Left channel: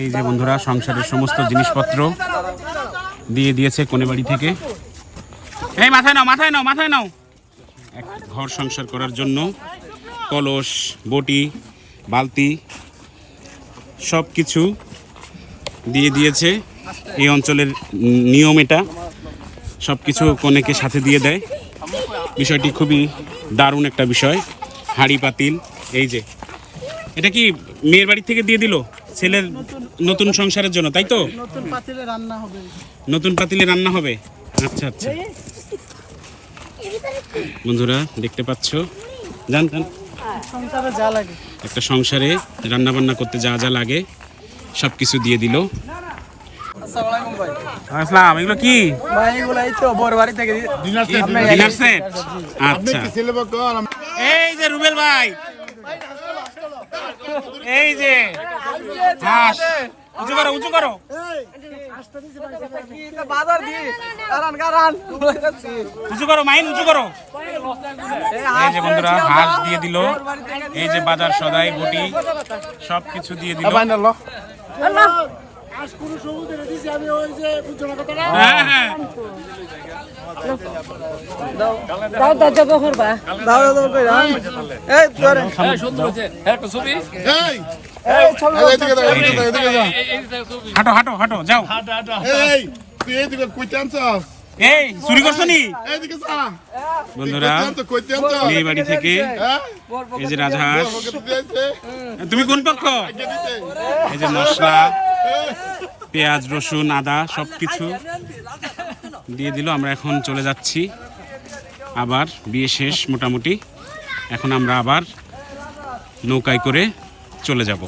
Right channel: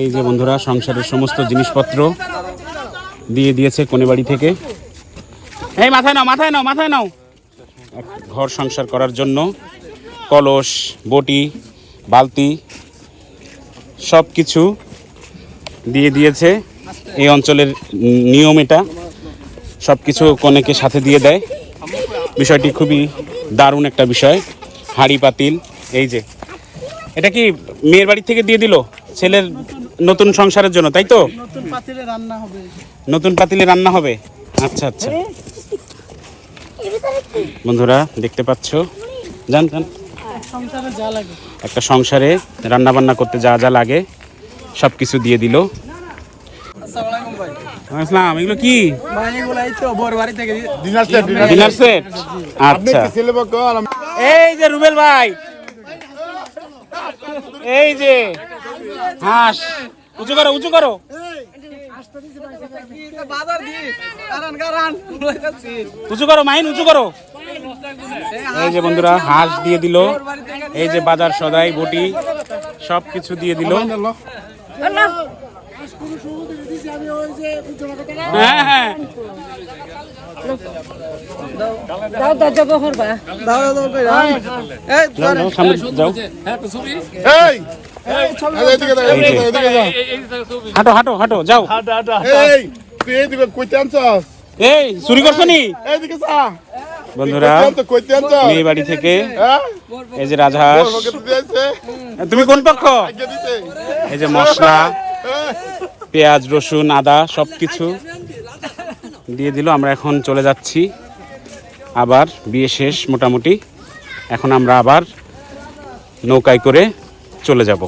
এই যে বন্ধুরা সংসারের সমস্ত জিনিসপত্র দিয়ে দিয়েছে কোনে বাড়ি থেকে। এই মাথায় নাও মাথায় নাও মাথায় নাও। এক ঘর সংসার করার জন্য কলস, বটি, বালতি সব কিছু দিয়ে দিয়েছে। এই অঞ্চলের নিয়ম এটা, সব কিছু কনেকে সাথে দিয়ে দেয়। বিষয়টি খুবই দারুণ একটা বিষয়। হাঁড়ি পাতিল, এই যে এটা কি মেয়ের বাড়ি থেকে দিয়ে দিল ছেলের নতুন সংসারের জন্য, তাই তো? নতুন পাতিলে রান্না হবে। নতুন পাতিলে রান্না হবে, আচ্ছা আচ্ছা। বন্ধুরা দেখতে পাচ্ছ, জান সংসারে যা লাগে, একটা সংসারে রান্না বান্না করতে যা যা লাগে সব কিছু দিয়ে দিল। আসসালামু আলাইকুম ভাই। আসসালাম। এগুলো কি? ভাই এগুলো এই তো বড় বাড়ি থেকে ডিনার সেট। আচ্ছা, এই যে রুবেল ভাই, এই যে হাঁস, উঁচু করো উঁচু করো। বাজার দি কারণ কারণ উঁচু করো মাইন, উঁচু করো। এই যে বন্ধুরা হাঁস দিয়ে দিল, এই যে বাজার সদাই বটি সব কিছু দিয়ে দিল। হ্যাঁ হ্যাঁ, দাও দাও যাবো করবা, দাও দাও কইরা এই ধরে এই যে। হাঁটো হাঁটো হাঁটো যাও। এই চুরি করছো নি বন্ধুরা? মেয়ে বাড়ি থেকে এই যে রাজহাঁস। তুমি কোন পক্ষ? এই যে মশলা, পেঁয়াজ, রসুন, আদা সব কিছু দিয়ে দিল। আমরা এখন চলে যাচ্ছি, আবার বিয়ে শেষ মোটামুটি। এখন আমরা আবার নৌকায় করে চলে যাব।